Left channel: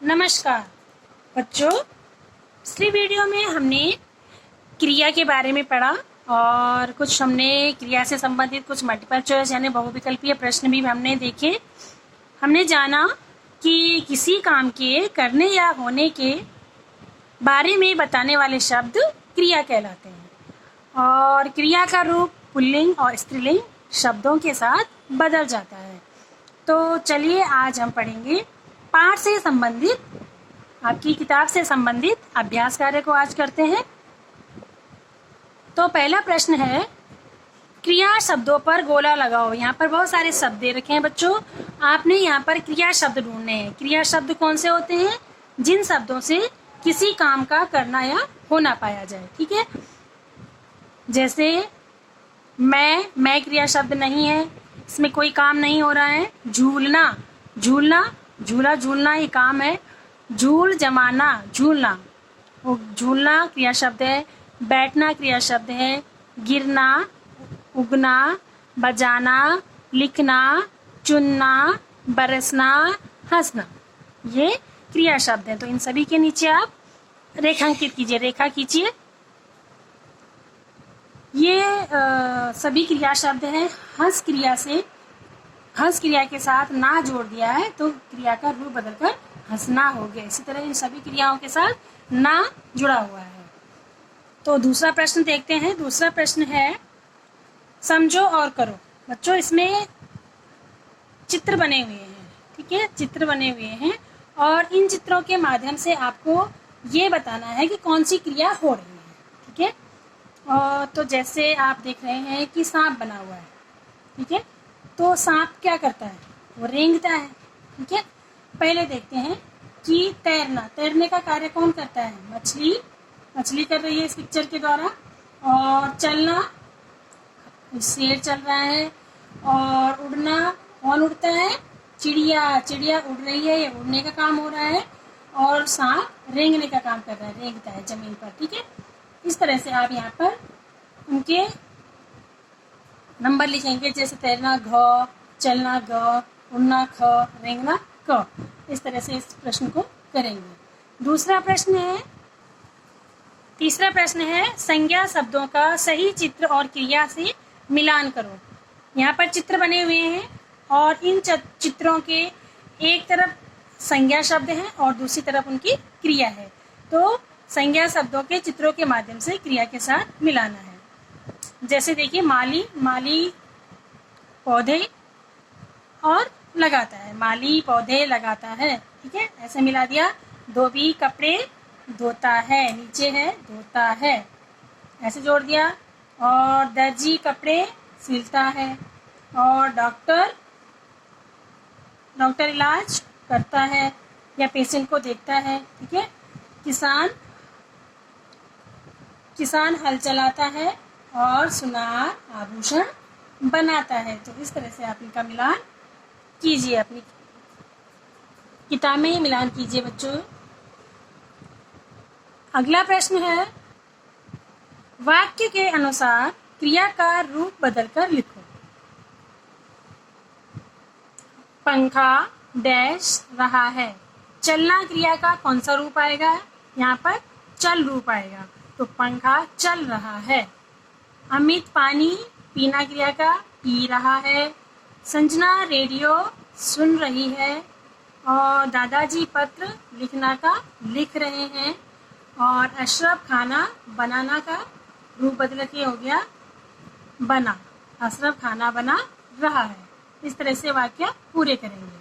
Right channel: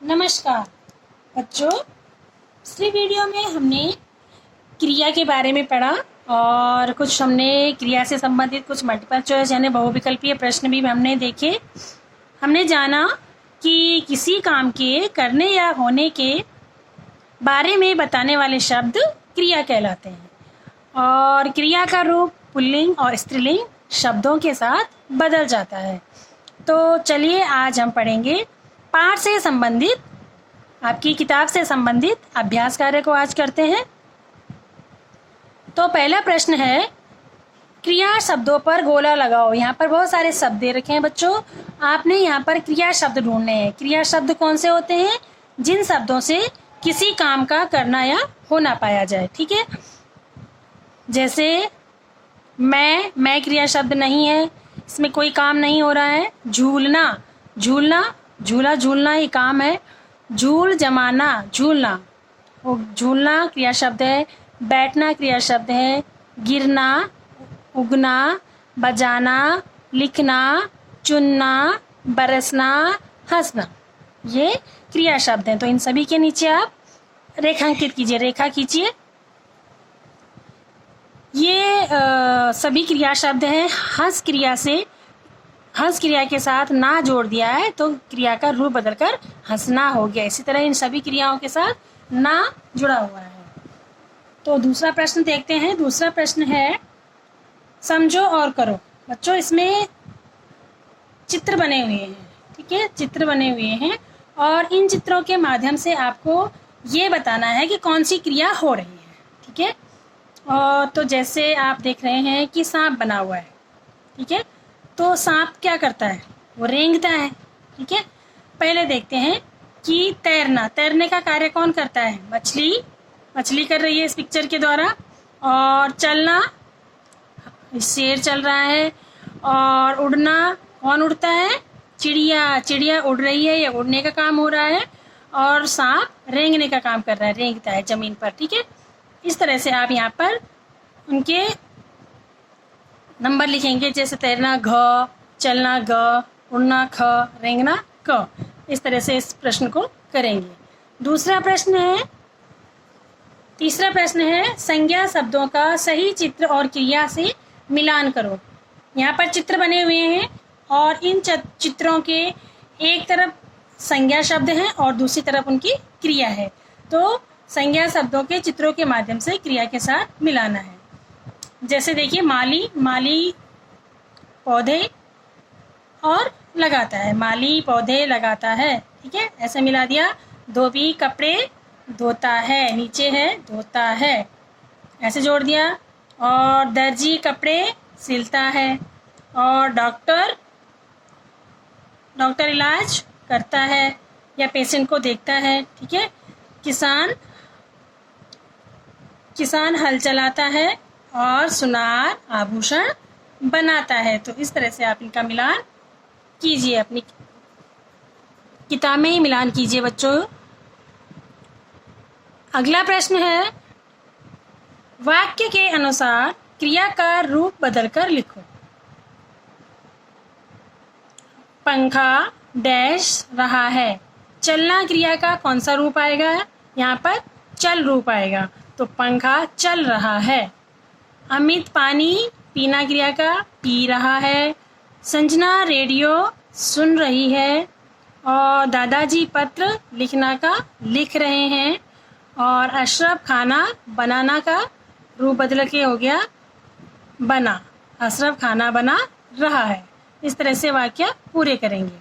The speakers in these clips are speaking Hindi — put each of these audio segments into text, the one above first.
नमस्कार बच्चों, पिछली वीडियो में हमने क्रिया के बारे में पढ़ा और कुछ हमने क्रिया से संबंधित कुछ मल्टीपल चॉइस यानी बहुविकल्पीय प्रश्न भी हमने देखे। हमने जाना कि किसी काम के करने या होने के बारे में बताने वाले शब्द क्रिया कहलाते हैं और क्रिया का रूप पुल्लिंग और स्त्रीलिंग शब्दों के साथ बदल जाता है। तो चलिए आज हम पढ़ेंगे पाठ से संबंधित, आपकी किताब से संबंधित अभ्यास कार्य को आज करते हैं। तो पहला प्रश्न है, क्रिया शब्दों पर गोला लगाओ। यहाँ पर बहुत सारे शब्द दे रखे हैं बच्चों, आपने यहाँ पर क्रिया शब्द ढूंढने हैं। क्रिया शब्द कौन से होते हैं? जिन शब्दों से किसी काम का करना या होना पाया जाए। ठीक है, जैसे मैं क्रिया शब्द नहीं है, इसमें कोई काम नहीं हो रहा है। झूलना, झूलना, झूला झूलना ये काम है। झूल जमाना, झूलना, वो झूलना क्रिया शब्द है। बैठना क्रिया शब्द है। गिरना, उगना, बजाना, लिखना, चुनना, बरसना, हंसना, ये क्रिया शब्द हैं। तो इन सभी के नीचे आप रेखांकित कीजिए, रेखा खींचिए। ये सभी क्रिया शब्द हैं। हंस क्रिया के साथ ना जोड़ दिया है तो क्रिया का रूप बदलकर हंसना हो गया। इसी तरह इन सभी क्रियाओं के साथ ना जुड़ा हुआ है। तो दूसरा प्रश्न देखते हैं। दूसरा प्रश्न है, समझो और करो। बच्चों, इसमें चित्र बने हुए हैं। ठीक है, चित्र बने हुए हैं और इन चित्रों के माध्यम से आपको ये बताना है कि कौन सी क्रिया हो रही है। ठीक है, और तो जैसे आप देख रहे हैं कि सांप बना हुआ है। ठीक है, तो सांप क्या करता है? वो रेंगता है। ठीक है, पहले देखते हैं कि तैरना, तैरने का कार्य कौन करता है? मछली कर रही है इस पिक्चर के द्वारा। और चलना, शेर चल रहा है। और उड़ना, कौन उड़ता है? चिड़िया उड़ रही है, या उड़ने का काम हो रहा है। और सांप रेंगने का काम कर रहा है, रेंगता है जमीन पर। ठीक है, इस तरह से आप यहाँ पर उनके नंबर लिखेंगे, जैसे तैरना घ, चलना ग, उड़ना ख, रेंगना क। इस तरह से इस प्रश्न को करेंगे। तीसरा प्रश्न है, संज्ञा शब्दों का सही चित्र और क्रिया से मिलान करो। यहाँ पर चित्र बने हुए हैं और इन चित्रों के एक तरफ संज्ञा शब्द हैं और दूसरी तरफ उनकी क्रिया है। तो संज्ञा शब्दों के चित्रों के माध्यम से क्रिया के साथ मिलाना है। जैसे देखिए, माली पौधे और लगाता है। माली पौधे लगाता है। ठीक है, ऐसे मिला दिया। धोबी कपड़े धोता है, नीचे है धोता है, ऐसे जोड़ दिया। और दर्जी कपड़े सिलता है। और डॉक्टर इलाज करता है या पेशेंट को देखता है। ठीक है, किसान हल चलाता है और सुनार आभूषण बनाता है। तो इस तरह से आप इनका मिलान कीजिए, अपनी किताब में ही मिलान कीजिए बच्चों। अगला प्रश्न है, वाक्य के अनुसार क्रिया का रूप बदलकर लिखो। पंखा डैश रहा है। चलना क्रिया का कौन सा रूप आएगा? यहाँ पर चल रूप आएगा, तो पंखा चल रहा है। अमित पानी पीना क्रिया का पी रहा है। संजना रेडियो सुन रही है। और दादाजी पत्र लिखना का लिख रहे हैं। और अशरफ खाना बनाना का रूप बदल के हो गया बना। अशरफ खाना बना रहा है। इस तरह से वाक्य पूरे करेंगे।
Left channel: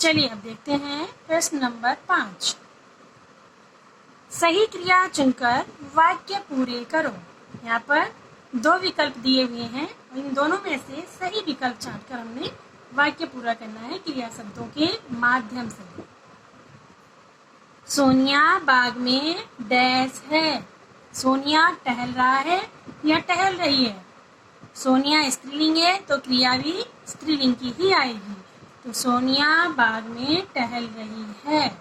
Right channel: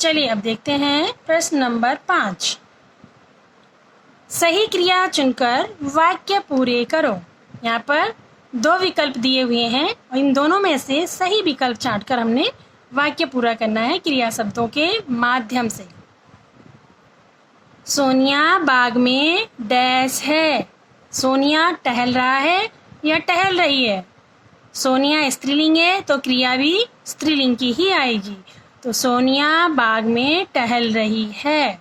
चलिए अब देखते हैं प्रश्न नंबर 5। सही क्रिया चुनकर वाक्य पूरे करो। यहाँ पर 2 विकल्प दिए हुए हैं और इन दोनों में से सही विकल्प छांटकर हमने वाक्य पूरा करना है क्रिया शब्दों के माध्यम से। सोनिया बाग में डैश है। सोनिया टहल रहा है या टहल रही है। सोनिया स्त्रीलिंग है तो क्रिया भी स्त्रीलिंग की ही आएगी। तो सोनिया बाग में टहल रही है।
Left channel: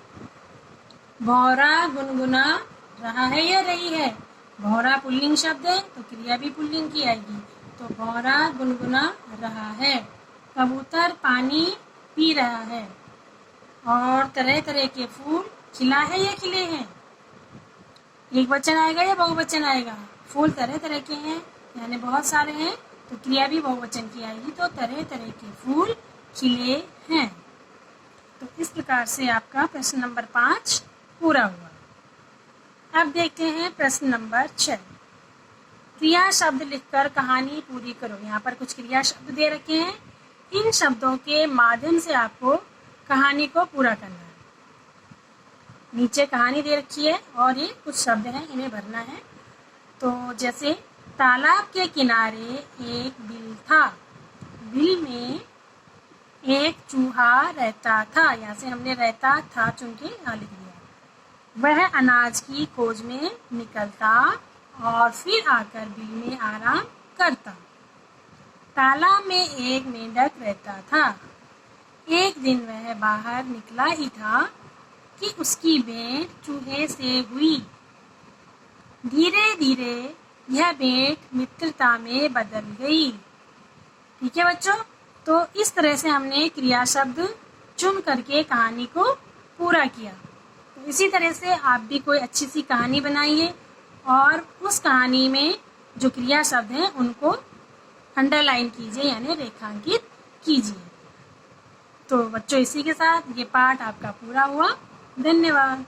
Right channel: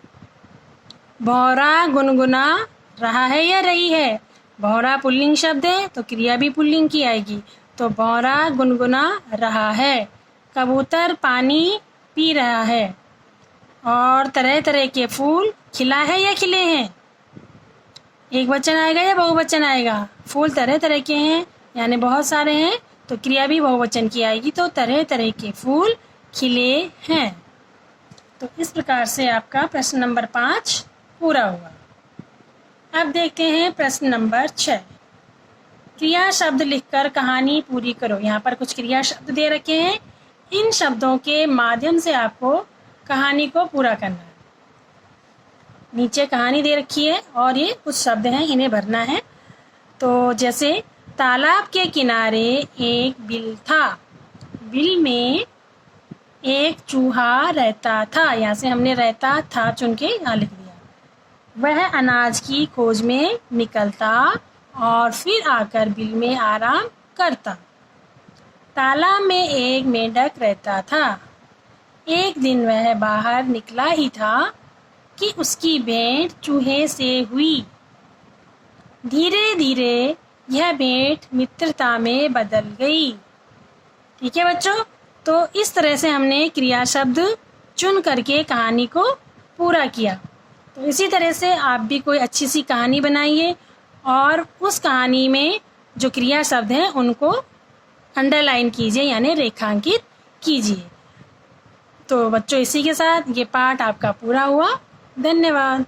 भौरा गुनगुना रहा है या रही है। भौरा पुल्लिंग शब्द है तो क्रिया भी पुल्लिंग की आएगी। तो भौरा गुनगुना रहा है। कबूतर पानी पी रहा है। और तरह तरह के फूल खिला है या खिले हैं? एक वचन आएगा या बहुवचन आएगा? फूल तरह तरह के हैं यानी बहुत सारे हैं, तो क्रिया भी बहुवचन की आएगी, तो तरह तरह के फूल खिले हैं। तो इस प्रकार से आपका प्रश्न नंबर 5 पूरा हुआ। अब देखते हैं प्रश्न नंबर 6। क्रिया शब्द लिखकर कहानी पूरी करो। यहाँ पर कुछ क्रिया शब्द दे रखे हैं, इन शब्दों के माध्यम से आपको कहानी को पूरा करना है। नीचे कहानी दे रखी है और ये कुछ शब्द हैं, इन्हें भरना है। तो जैसे तालाब के किनारे एक बिल था, बिल में एक चूहा रहता था। यहाँ से हमने रहता था चुन के यहाँ लिख दिया। वह अनाज की खोज में निकलता और फिर आकर बिल में आराम करता। तालाब में एक मेंढक रहता था। एक दिन वह बाहर निकला ही था कि उसकी भेंट चूहे से हुई। धीरे धीरे यह भेंट मित्रता में बदल गई। ठीक है बच्चों, तो इस तरह से हमने क्रिया शब्द चुन करके कहानी को पूरा किया। तो इसी तरह से आप भी कोई अच्छी सी कहानी बनाइए और उस कहानी में जो क्रिया शब्द हैं उनको अंडरलाइन कीजिए यानी रेखांकित कीजिए। तो बच्चों इसी के साथ ये पाठ आपका पूरा हुआ। धन्यवाद।